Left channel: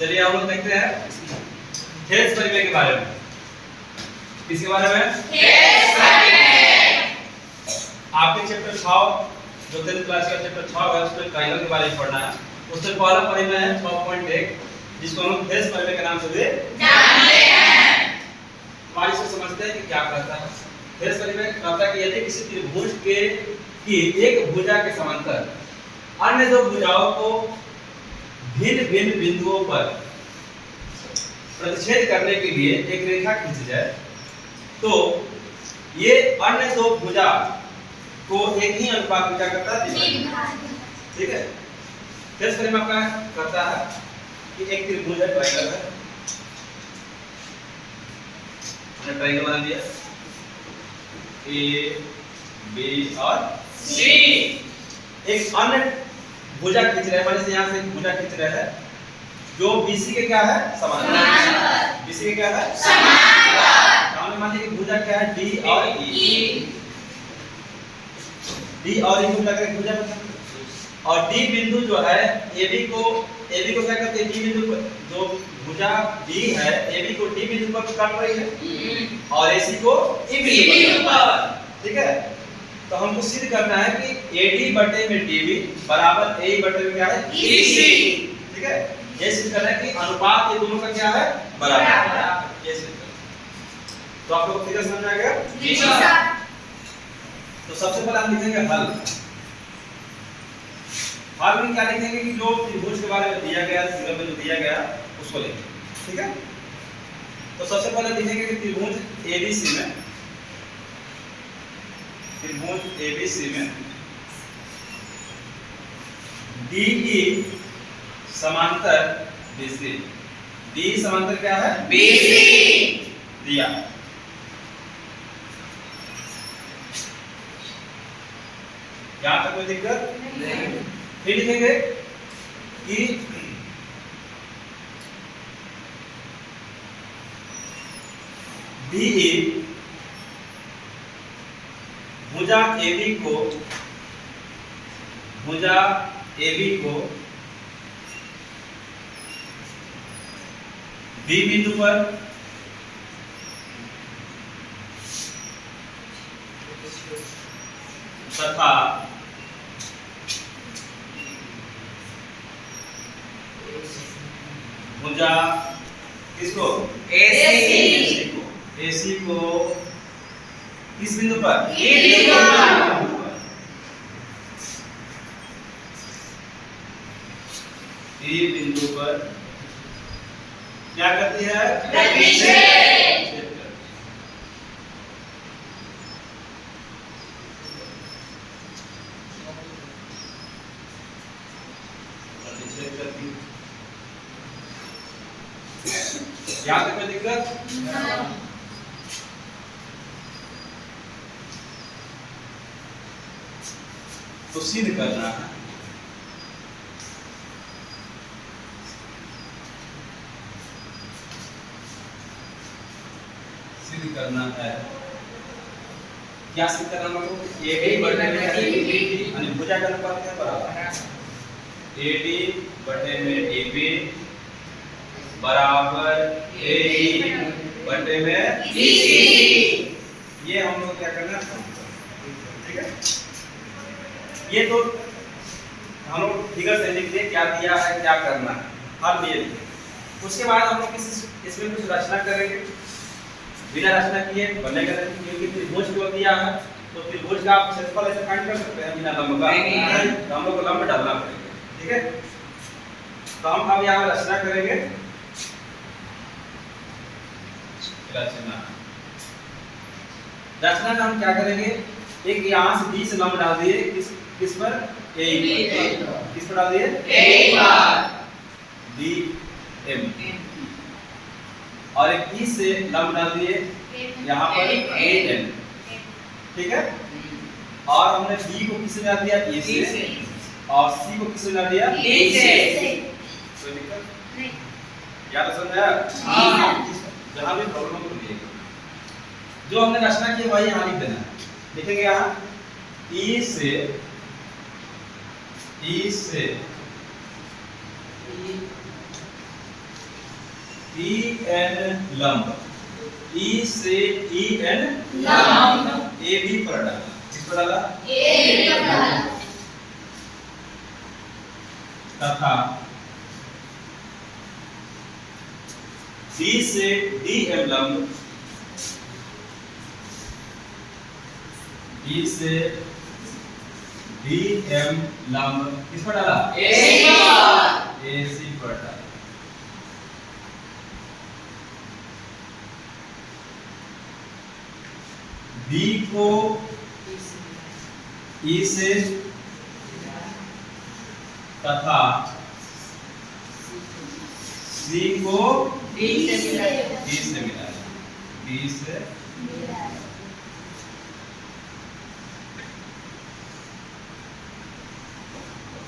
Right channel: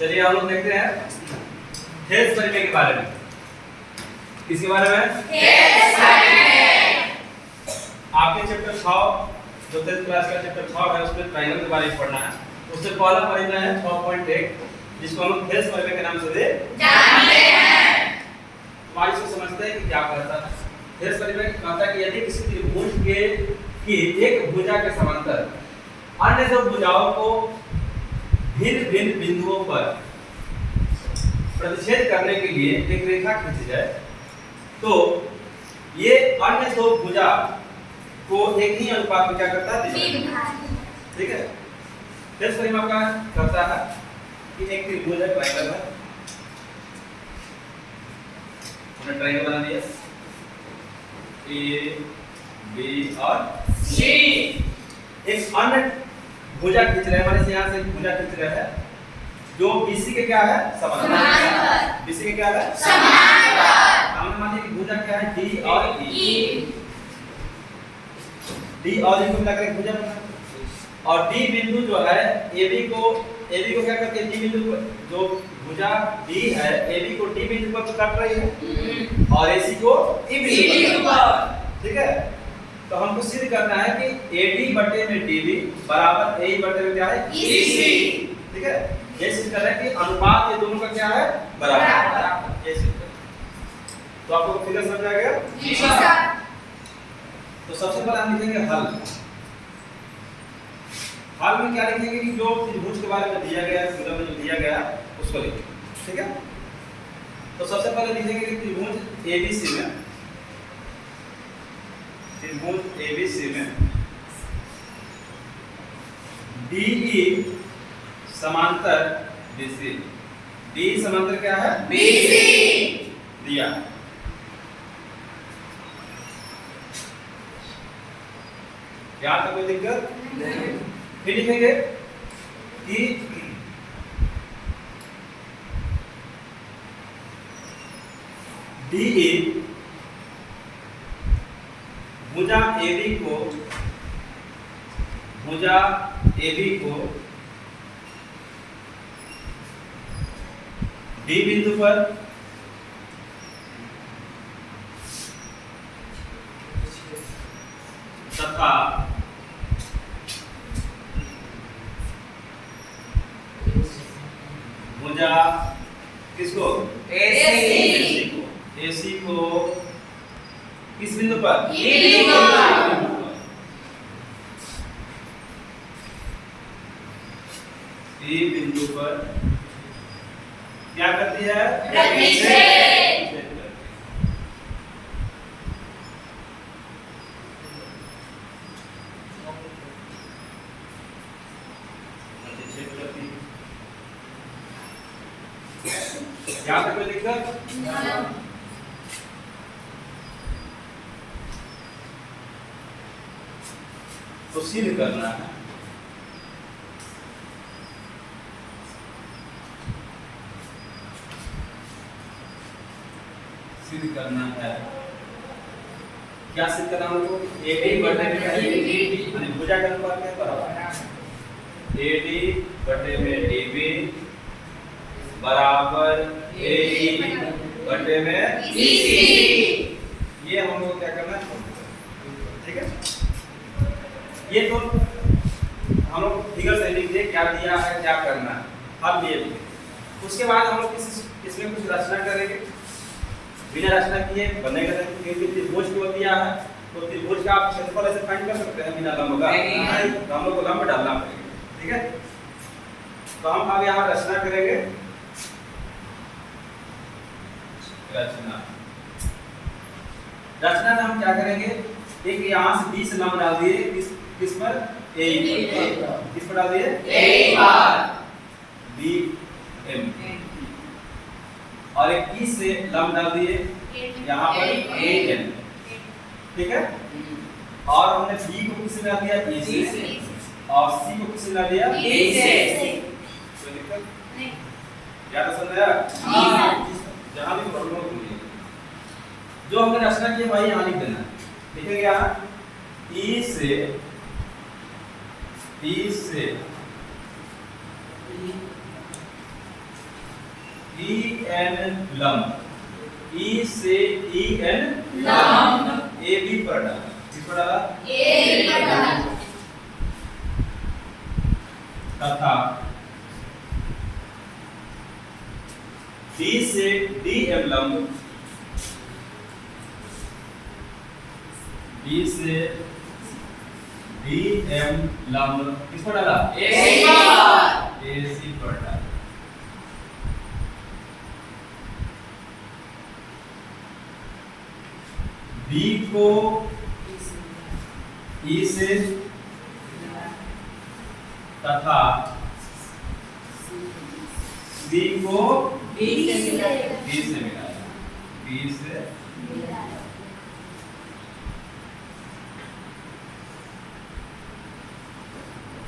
चलिए हम लोग देखते हैं हेल्थ परिमेय के बारे में। किसके बारे में? हेल्थ परिमेय। आपके चैप्टर 6 जो 10th क्लास का चैप्टर 6 है उसमें ट्रायंगल के बारे में पढ़ना है। उससे पहला परिमेय है 6.1 जिसको हम लोग हेल्थ परिमेय के नाम से भी जानते हैं। हमारी इसको समझते हैं कि क्या कहता है। हेल्थ परिमेय कहता है कि यदि किसी त्रिभुज की एक भुजा के समांतर अन्य दो भुजाओं को भिन्न भिन्न बिंदुओं पर प्रतिच्छेद करने के लिए एक रेखा खींची जाए तो ये अन्य दो भुजा को एक ही अनुपात में क्या करता है? ठीक है। हेल्थ परिमेय आपका कहता है कि एक त्रिभुज है, ट्रायंगल है, हमने ट्रायंगल बना दिया ए बी और सी। एक अन्य भुजा खींच रहे हैं, माने से यहाँ से एक भुजा खींच रहे हैं जो BC के क्या है? समांतर। BC के क्या है? समांतर। हमने मान लिया कि भुजा क्या है? D और E। D और E को मिलाकर एक भुजा बनता है। और D बिंदु जो है AB को क्या करते हैं? D बिंदु को जो भुजा D है AB को D बिंदु पर काट रही है और AC को E बिंदु पर। ठीक है। तो हमको सिद्ध करना है कि AD बटे में DB बराबर AE बटे में क्या है? EC। ठीक है। ये सिद्ध करना है कि अनुपात ये दोनों का क्या है? बराबर। ये सिद्ध करना। तो आप लोग फिगर समझ में आ गया? जी सर। तो सबसे पहले हम लिखेंगे हल। हल में क्या लिखेंगे कि जो त्रिभुज के बारे में दिया गया, फिगर में जो दिया गया उसको लिखेंगे। ठीक है। तो सबसे पहले लिखेंगे कि त्रिभुज ABC में DE समांतर BC। DE समांतर क्या है? BC दिया। यहाँ तक कोई दिक्कत नहीं। फिर लिखेंगे कि DE भुजा AB को D बिंदु पर तथा भुजा किसको? AC को किस बिंदु पर? E बिंदु पर। E बिंदु पर क्या करती है? प्रतिच्छेद। प्रतिच्छेद करती है। यहाँ तक कोई दिक्कत? तो सिद्ध करना है क्या सिद्ध करना है हमको? AD बटे में यानी भुजा का अनुपात क्या बराबर AD बटे में DB बराबर AE बटे में EC। ये हम लोग क्या करना है? ठीक है। ये तो हम लोग फिगर से लिख दे क्या दिया है, क्या करना है, हल ये लिखे। उसके बाद हम लोग इसमें कुछ रचना करेंगे। बिना रचना किए बनेगा नहीं, क्योंकि त्रिभुज को दिया है तो त्रिभुज का आप क्षेत्रफल ऐसे फाइंड कर सकते हैं बिना लंब का। तो हम लोग को लंब डालना पड़ेगा। ठीक है। तो हम अब यहाँ रचना करेंगे। रचना में हम क्या करेंगे? एक यहाँ से 20 लंब डाल दिए किस पर? AE पर। किस पर डाल दिए? AE पर। DM और एक E से लंब डाल दिए यहाँ पर AN। ठीक है। और हमने B को किससे डाल दिया? E से और C को किससे डाल दिया? D से। कोई दिक्कत? क्या तो समझ आया? जहाँ भी प्रॉब्लम हो जो हमने रचना की वही यहाँ लिख देना। लिखेंगे यहाँ E से ई एन लंब, ई से ई एन लंब ए बी पर डाला, किस पर डाला? ए पर डाला तथा डी से डी एम लंब, डी से डी एम लंब किस पर डाला? ए पर ए सी पर डाला। बी को ई से तथा सी को डी से मिलाया डी से मिलाया, डी से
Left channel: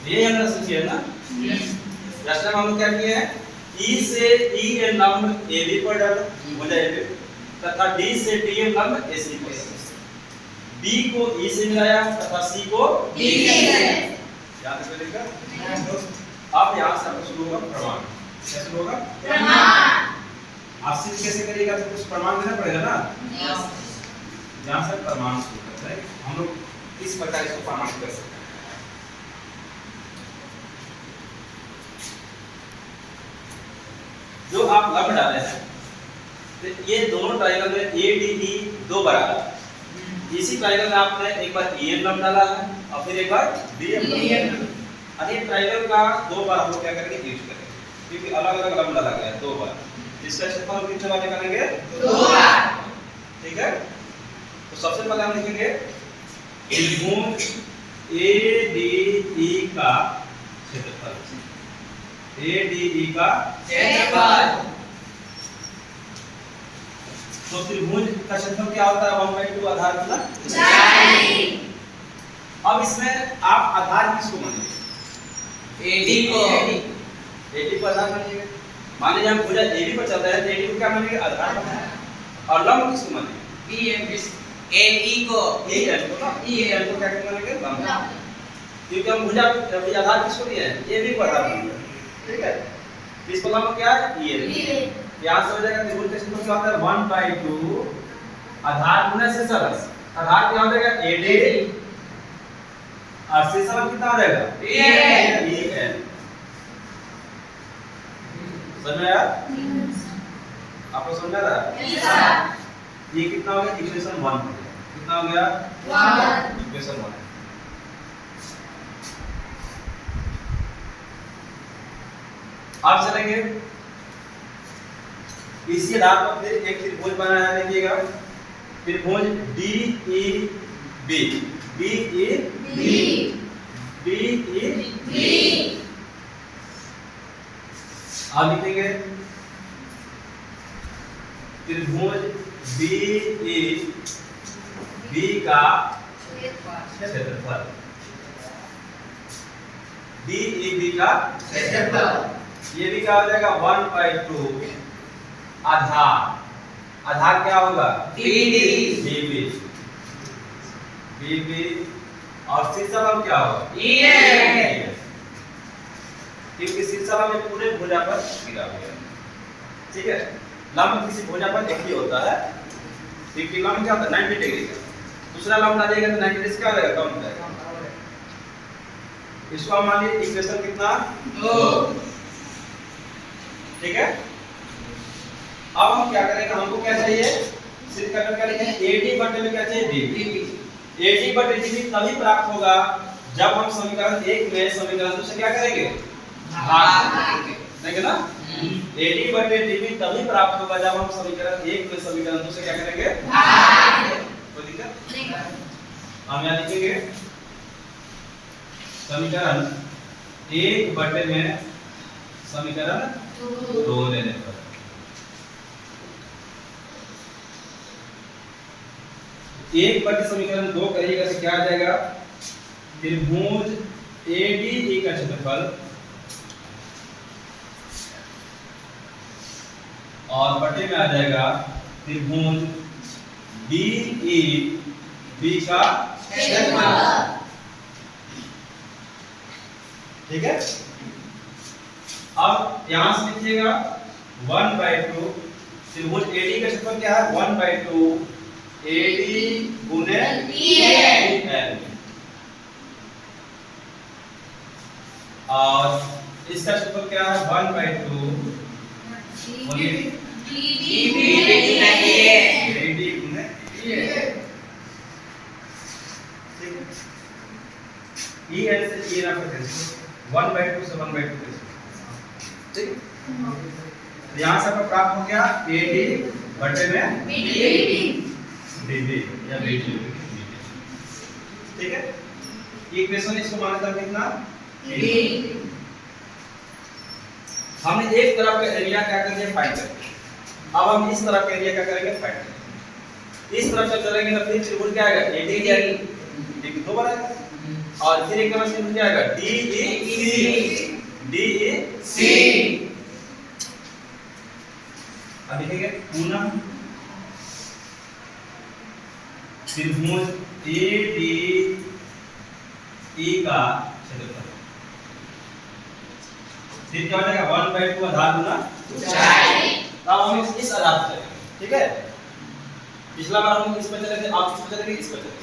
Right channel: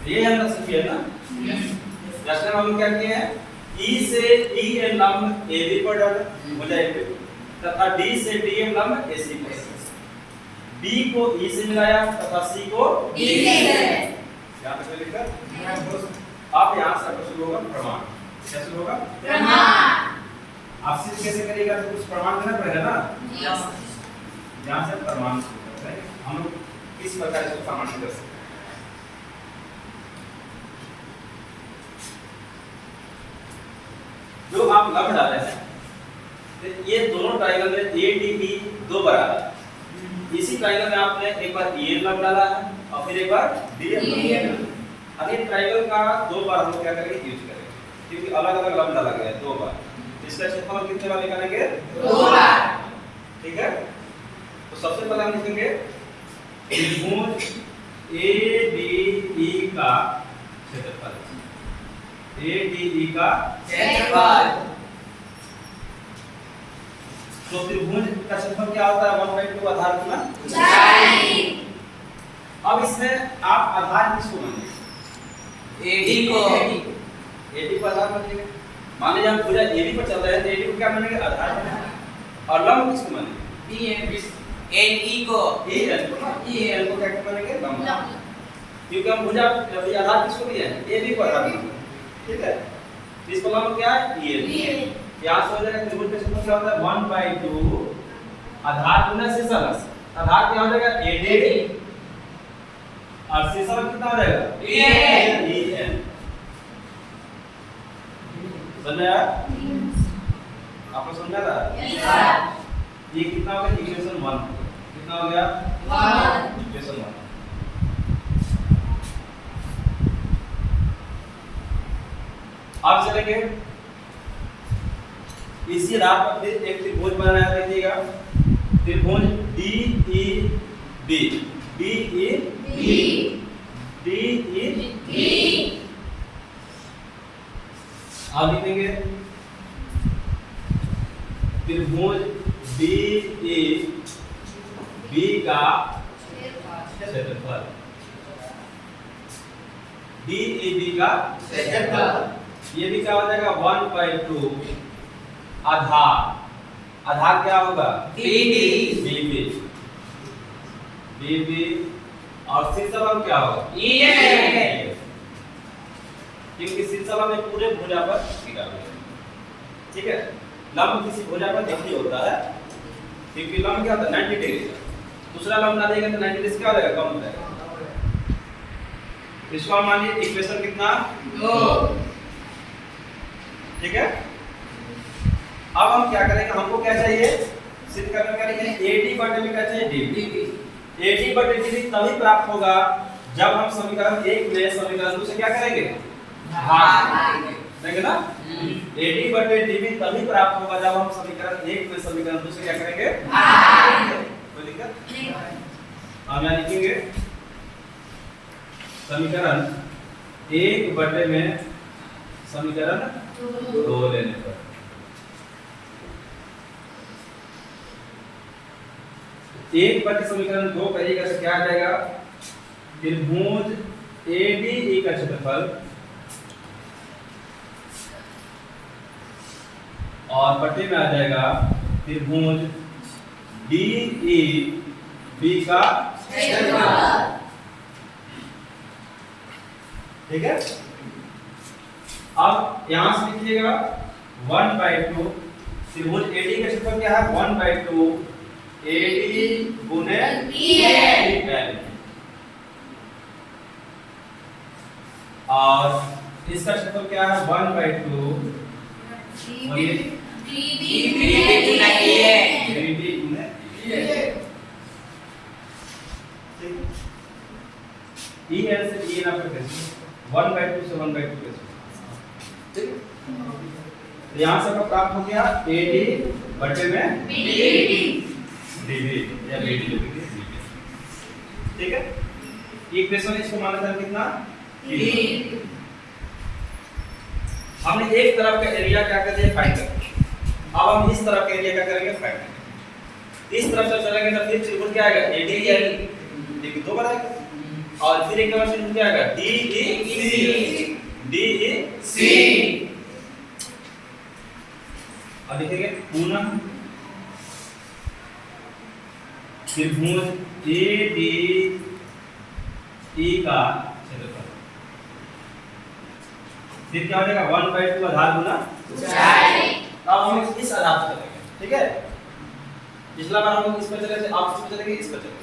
ये हमारा सीखिए ना। लास्ट टाइम हम लोग क्या किए हैं? ई से ई एन लंब ए बी पर डाला, हो जाएगा, तथा डी से डी एम लंब ए सी पर, बी को ई से मिलाया तथा सी को डी से याद से लिखा। अब यहाँ से आपका शुरू होगा प्रमाण। क्या शुरू होगा? प्रमाण। आप सिद्ध कैसे करिएगा? तो कुछ प्रमाण देना पड़ेगा ना। यस यहाँ से प्रमाण शुरू करते हैं। हम लोग इस प्रकार इसको प्रमाणित कर सकते हैं। जो आप लंब डाले हैं, तो ये दोनों ट्रायंगल में ए डी ई दो बराबर, इसी ट्रायंगल में आपने एक बार ई एन लंब डाला है और फिर एक बार डी एम लंब। अब ये ट्रायंगल का दो बार हम लोग क्या करेंगे? यूज करेंगे, क्योंकि अलग अलग लंब डाला गया है दो बार। इसका क्षेत्रफल कितने बार निकालेंगे? दो बार। ठीक है, तो सबसे पहले हम लिखेंगे त्रिभुज ए डी ई का क्षेत्रफल, ए डी ई का क्षेत्रफल। तो त्रिभुज का क्षेत्रफल क्या होता है? 1/2 आधार कितना? ऊंचाई। अब इसमें आप आधार किसको मानेंगे? एडी को एडी पर आधार मानिएगा। मान लीजिए हम भुजा एडी पर चल रहे हैं, तो एडी को क्या मानेंगे? आधार मानेंगे। और लंब किसको मानेंगे? बी एन एन ई को ए एन को ना, ई एन को क्या मानेंगे? लंब। क्योंकि हम भुजा अभी आधार किसको दिए हैं? एडी को आधार मानेंगे। ठीक है, इस पर लंब क्या है? E N. यहाँ से हो जाएगा त्रिभुज का क्षेत्रफल क्या होता है? 1/2 आधार गुना शीर्षलंब। आधार क्या हो जाएगा? एडी और शीर्षलंब कितना हो जाएगा? E N. E N. समझ में आया? आपको समझ आ रहा है? ये कितना हो गया? इक्वेशन 1। कितना हो गया? 1 इक्वेशन 1। अब चलेंगे इसी आधार पर फिर एक त्रिभुज बनाया है। देखिएगा, त्रिभुज D E B, D E B D E B. अब लिखेंगे त्रिभुज डी ई बी का क्षेत्रफल, डी ई बी का क्षेत्रफल। ये भी क्या हो जाएगा? 1/2 आधार। आधार क्या होगा? बीडी बीबी, बीबी और शीर्षलंब क्या होगा? ईएन। क्योंकि शीर्षलंब में पूरे भुजा पर गिरा हुआ है। ठीक है, लंब किसी भुजा पर एक ही होता है, क्योंकि लंब क्या होता है? 90 डिग्री का। दूसरा लंब डालेगा तो 90 डिग्री क्या हो जाएगा? कम हो जाएगा। इसको हम मान लीजिए इक्वेशन कितना? 2। ठीक है, अब हम क्या करेंगे? हमको क्या चाहिए? सिद्ध करने का लिखेंगे AD बटे में क्या चाहिए? DB। AD बटे DB तभी प्राप्त होगा जब हम समीकरण 1 में समीकरण 2 से क्या करेंगे? भाग देंगे ना। AD बटे DB तभी प्राप्त होगा जब हम समीकरण 1 में समीकरण 2 से क्या करेंगे? कोई दिक्कत? हम यहाँ लिखेंगे समीकरण 1 बटे में समीकरण 2 लेने पर एक बटे समीकरण 2 करिएगा तो क्या आ जाएगा? त्रिभुज ADE का क्षेत्रफल और बटे में आ जाएगा त्रिभुज DEB का क्षेत्रफल। ठीक है, अब यहां से लिखिएगा 1/2 त्रिभुज AD का क्षेत्रफल क्या है 1/2 AD गुने EL और इसका क्षेत्रफल क्या है 1/2 AD गुने EL से EL आपका कैंसिल 1/2 से 1/2 कैंसिल ठीक है तो यहाँ से आपका प्राप्त हो गया AD बटे में DB या BD ठीक है इक्वेशन इसको माना था कितना 3 हमने एक तरफ का एरिया क्या कर दिया फाइंड कर अब हम इस तरफ का एरिया क्या करेंगे फाइंड करेंगे इस तरफ से चलेंगे तो फिर त्रिभुज क्या आएगा AD ये दो बार आएगा और फिर एक नंबर त्रिभुज क्या आएगा DEC अब देखेंगे पुनः त्रिभुज ADE का क्षेत्रफल फिर क्या हो जाएगा 1/2 आधार गुना ऊंचाई अब हम इस आधार पर चलेंगे ठीक है पिछला बार हम इस पर चले थे आप इस पर चलेंगे इस पर चलेंगे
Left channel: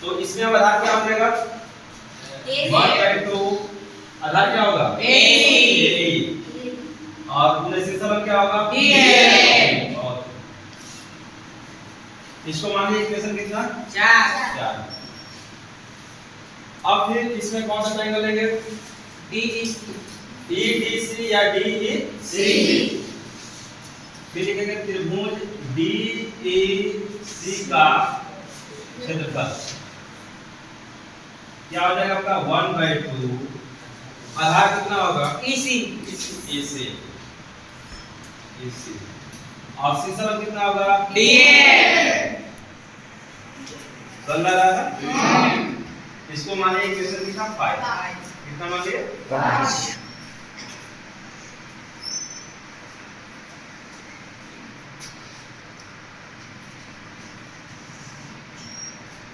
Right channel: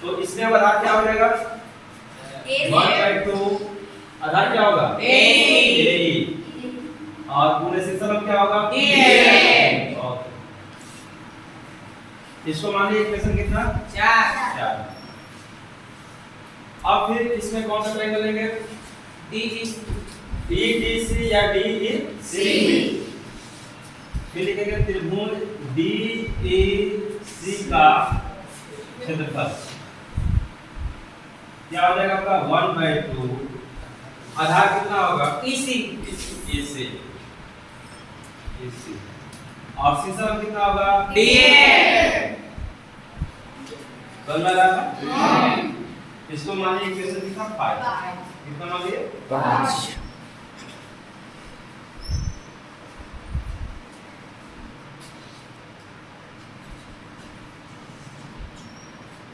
तो इसमें अब आधार क्या हो जाएगा 1/2 आधार क्या होगा AE और पूरे क्षेत्रफल क्या होगा DL इसको मान लीजिए इक्वेशन कितना 4 अब फिर इसमें कौन सा ट्रायंगल लेंगे EDC या DEC फिर लिखेंगे त्रिभुज DEC का क्षेत्रफल क्या हो जाएगा आपका 1/2 आधार कितना होगा EC और क्षेत्रफल कितना होगा DL समझ रहा है इसको मानिए इक्वेशन कितना 5 कितना मानिए 5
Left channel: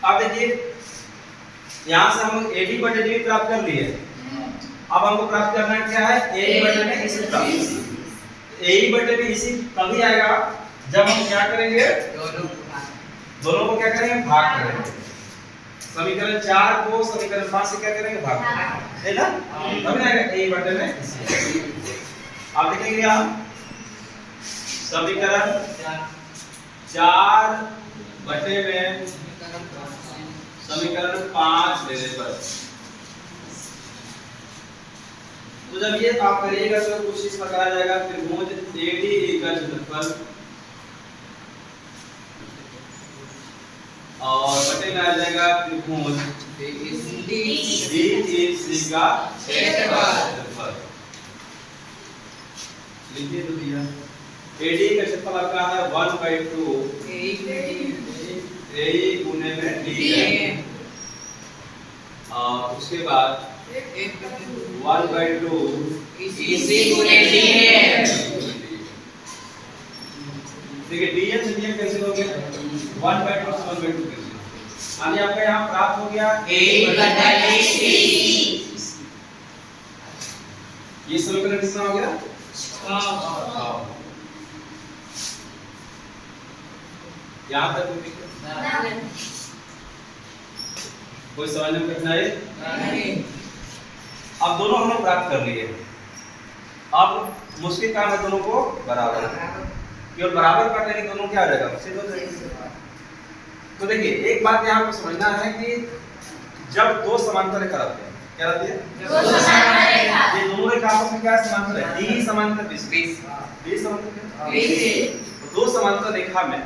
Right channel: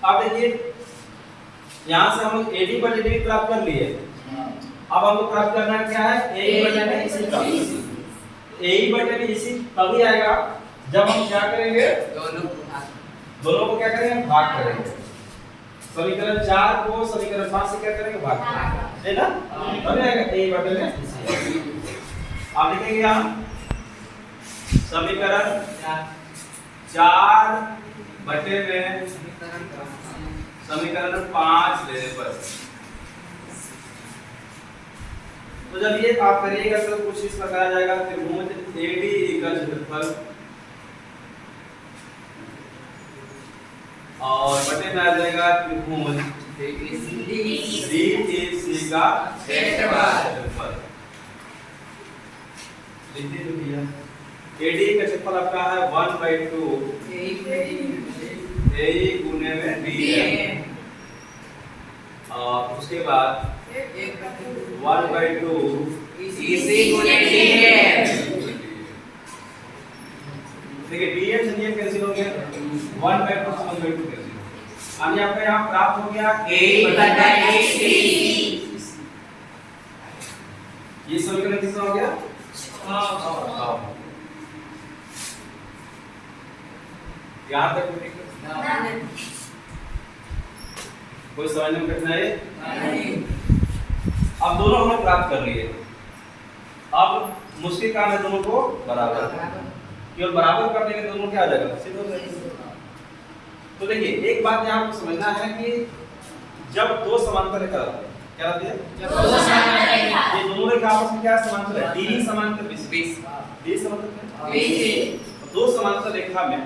अब देखिए यहां से हम लोग AD बटे DB प्राप्त कर लिए अब हमको प्राप्त करना क्या है AE बटे में EC प्राप्त AE बटे में EC तभी आएगा जब हम क्या करेंगे दोनों को क्या करेंगे भाग करेंगे समीकरण 4 को समीकरण 5 से क्या करेंगे भाग करेंगे है ना तभी आएगा AE बटे में EC आप लिखेंगे यहां समीकरण 4 बटे में समीकरण 5 लेने पर तो जब ये आप करिएगा तो कुछ इस प्रकार आ जाएगा त्रिभुज ADE का क्षेत्रफल और बटे में आ जाएगा त्रिभुज DEC का क्षेत्रफल लिखिए तो भैया ADE का क्षेत्रफल आपका है 1/2 AE गुने में DL और उसके बाद 1/2 EC गुने DL देखिए DL से DL कैंसिल हो गया 1/2 से 1/2 कैंसिल यानी आपका यहाँ प्राप्त हो गया AE बटा EC ये समीकरण कितना हो गया यहाँ तक कोई समझने में कठिनाई नहीं अब दोनों हम लोग प्राप्त कर लिए अब मुश्किल काम है दोनों को बराबर केवल बराबर कर लेंगे दोनों क्या आ जाएगा सिद्ध हो जाएगा तो देखिए एक बात यहाँ आपको समझना है कि जब दो समांतर रेखा रहते हैं क्या रहती है ये दोनों रेखा आपस में क्या समांतर है D समांतर BC समांतर दो समांतर रेखा में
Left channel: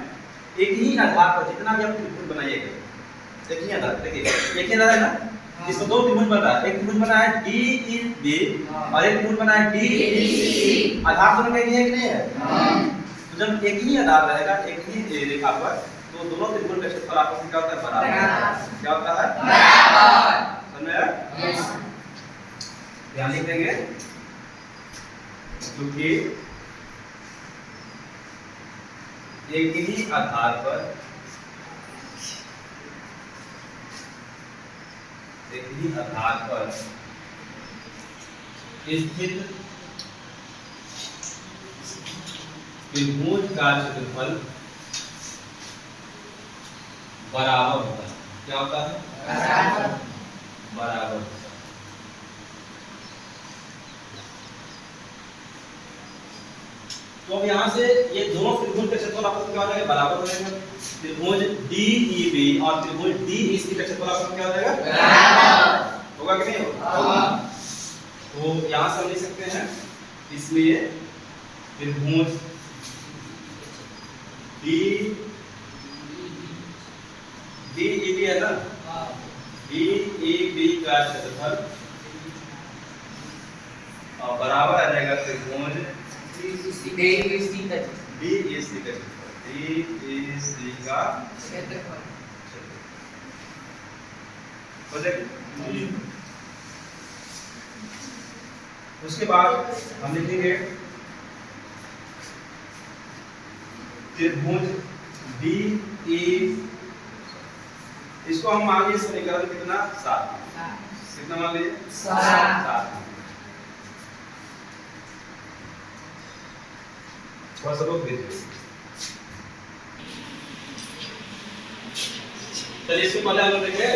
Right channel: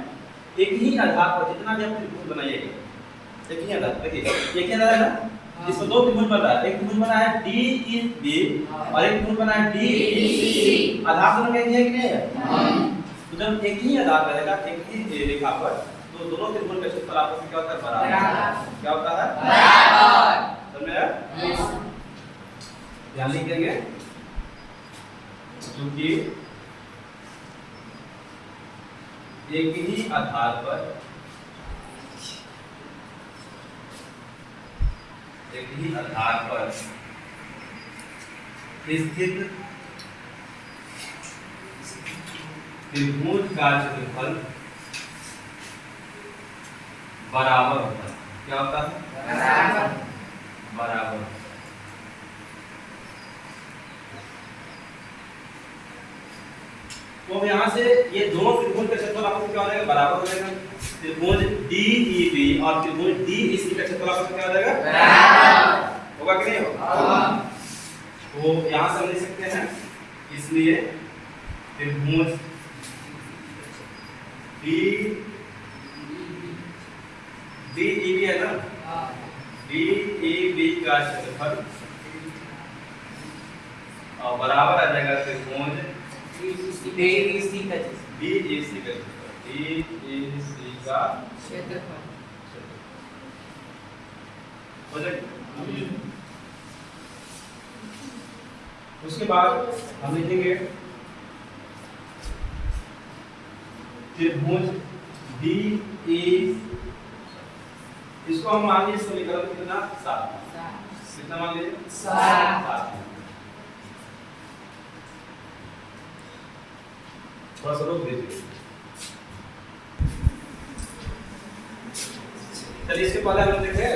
एक ही आधार पर जितना भी आप त्रिभुज बनाइएगा एक ही आधार देखिए एक ही आधार है ना इसको दो त्रिभुज बना है एक त्रिभुज बना है DEB और एक त्रिभुज बना है DEC आधार दोनों का एक ही है कि नहीं है तो जब एक ही आधार रहेगा एक ही रेखा पर तो दोनों त्रिभुज का क्षेत्रफल आपस में क्या होता है बराबर क्या होता है बराबर समझ में ध्यान लिख देंगे क्योंकि एक ही आधार पर स्थित त्रिभुज का क्षेत्रफल बराबर होता है। क्या होता है? बराबर। तो अब यहाँ से ये दोनों त्रिभुज का क्षेत्रफल आपस में क्या हो जाएगा? बराबर हो जाएगा। त्रिभुज DEB और त्रिभुज DEC का क्षेत्रफल आपस में क्या हो जाएगा? बराबर। होगा कि नहीं होगा? तो यहाँ से हम लिख सकते हैं, इसलिए त्रिभुज DEB है ना, DEB का क्षेत्रफल और बराबर आ जाएगा त्रिभुज DEC का क्षेत्रफल हो जाएगा। उसके बाद हम लिखेंगे त्रिभुज DE, इसको हम मान लीजिए समीकरण कितना? 7। कितना मान लीजिए? 7। थोड़ा सा रोक दीजिए। चलिए इसके पहले हम देखें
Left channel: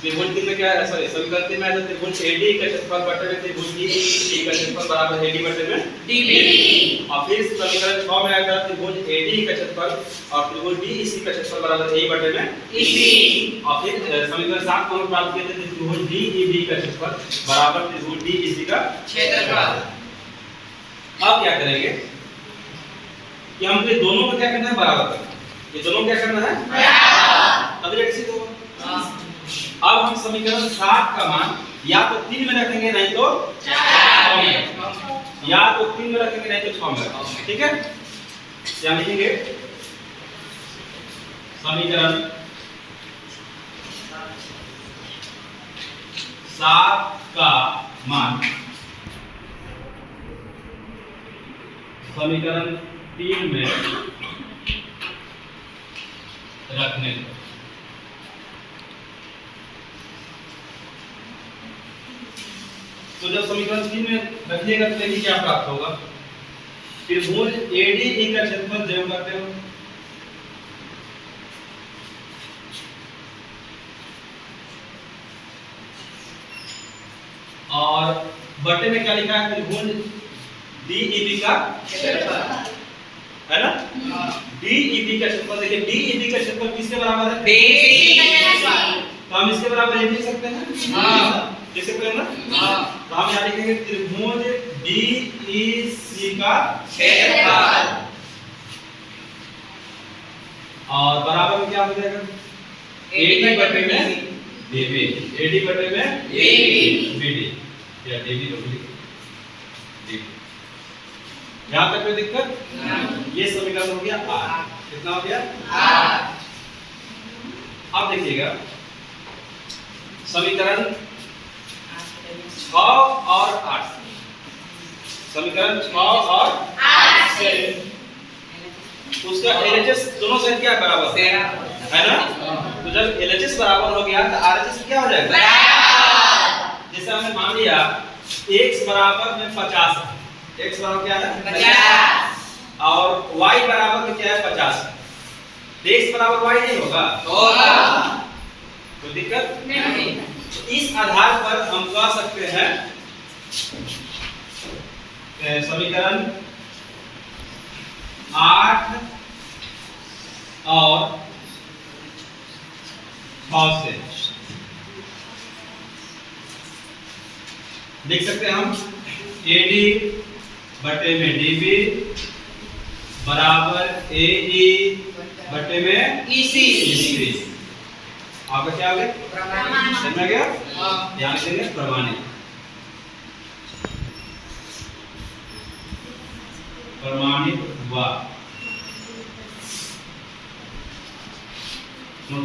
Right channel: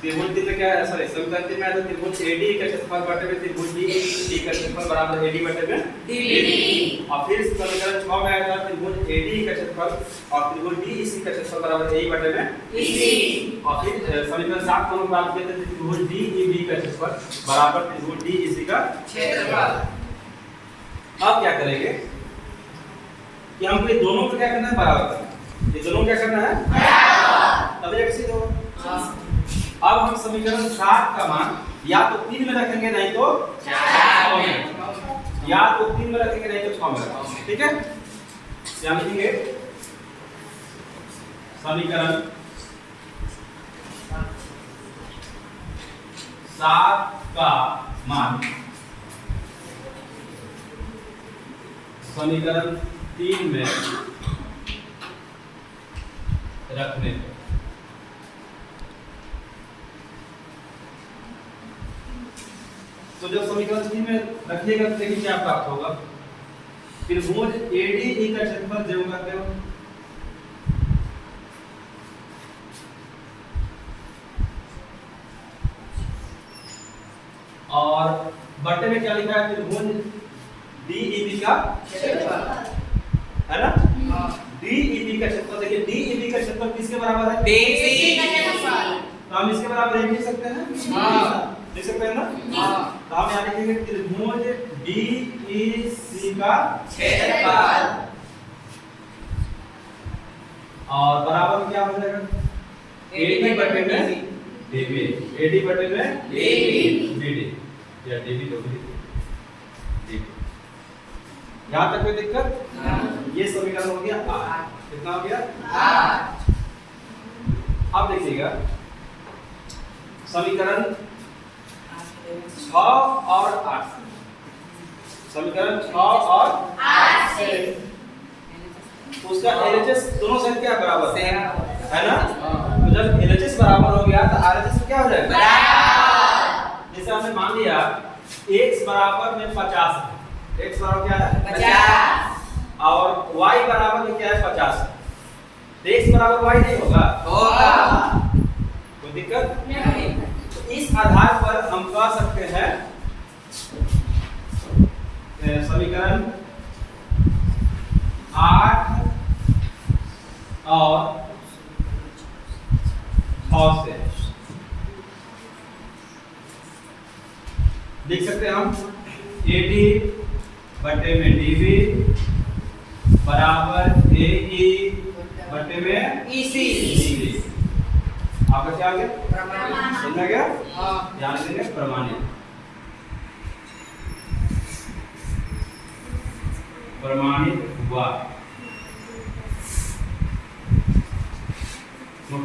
त्रिभुज में क्या है, सॉरी समीकरण में है त्रिभुज AD का क्षेत्रफल बटे में त्रिभुज DE का क्षेत्रफल बराबर AD बटे में DB। और फिर समीकरण 6 में आया था त्रिभुज AD का क्षेत्रफल और त्रिभुज DEC का क्षेत्रफल बराबर AE बटे में EC। और फिर समीकरण 7 को हम प्राप्त किए थे त्रिभुज DEB का क्षेत्रफल बराबर त्रिभुज DEC का क्षेत्रफल। अब क्या करेंगे कि हमको ये दोनों को क्या करना है? बराबर करना है। ये दोनों क्या करना है? बराबर। अब ये कैसे दो? अब हम समीकरण 7 का मान या तो 3 में रखेंगे, नहीं तो 6 में। या तो 3 में रखेंगे, नहीं तो 6 में रखेंगे। ठीक है? क्या लिखेंगे? समीकरण 7 का मान समीकरण 3 में रखने को तो जब समीकरण 3 में रखिएगा तो देखिए क्या प्राप्त होगा। त्रिभुज ADE का क्षेत्रफल जो करते हो और बटे में क्या लिखा है? त्रिभुज DEB का क्षेत्रफल है ना। DEB का क्षेत्रफल देखिए, DEB का क्षेत्रफल किसके बराबर है? DEC का क्षेत्रफल। तो हम इसके बराबर ये लिख सकते हैं। हां, लिख सकते हैं ना। तो हम यहाँ लिखेंगे त्रिभुज DEC का क्षेत्रफल और बराबर में क्या हो जाएगा? AD बटे में DB। AD बटे में BD या DB लोग लिखो। यहाँ तक कोई दिक्कत? ये समीकरण हो गया 8। कितना हो गया? 8। अब देखिएगा समीकरण 6 और 8 समीकरण 6 और 8 से उसका LHS दोनों साइड क्या बराबर है ना। तो जब LHS बराबर हो गया तो RHS क्या हो जाएगा? बराबर। जैसे हमने मान लिया x बराबर में 50 है। x बराबर क्या है? 50 और y बराबर में क्या है? 50। तो x बराबर y नहीं होगा? होगा। कोई दिक्कत नहीं। तो इस आधार पर हम कह सकते हैं समीकरण 8 और 6 से लिख सकते हैं हम AD बटे में DB बराबर AE बटे में EC। आपका क्या हो गया? प्रमाणित। समझ में गया? हाँ। ध्यान देंगे प्रमाणित। प्रमाणित हुआ। नोट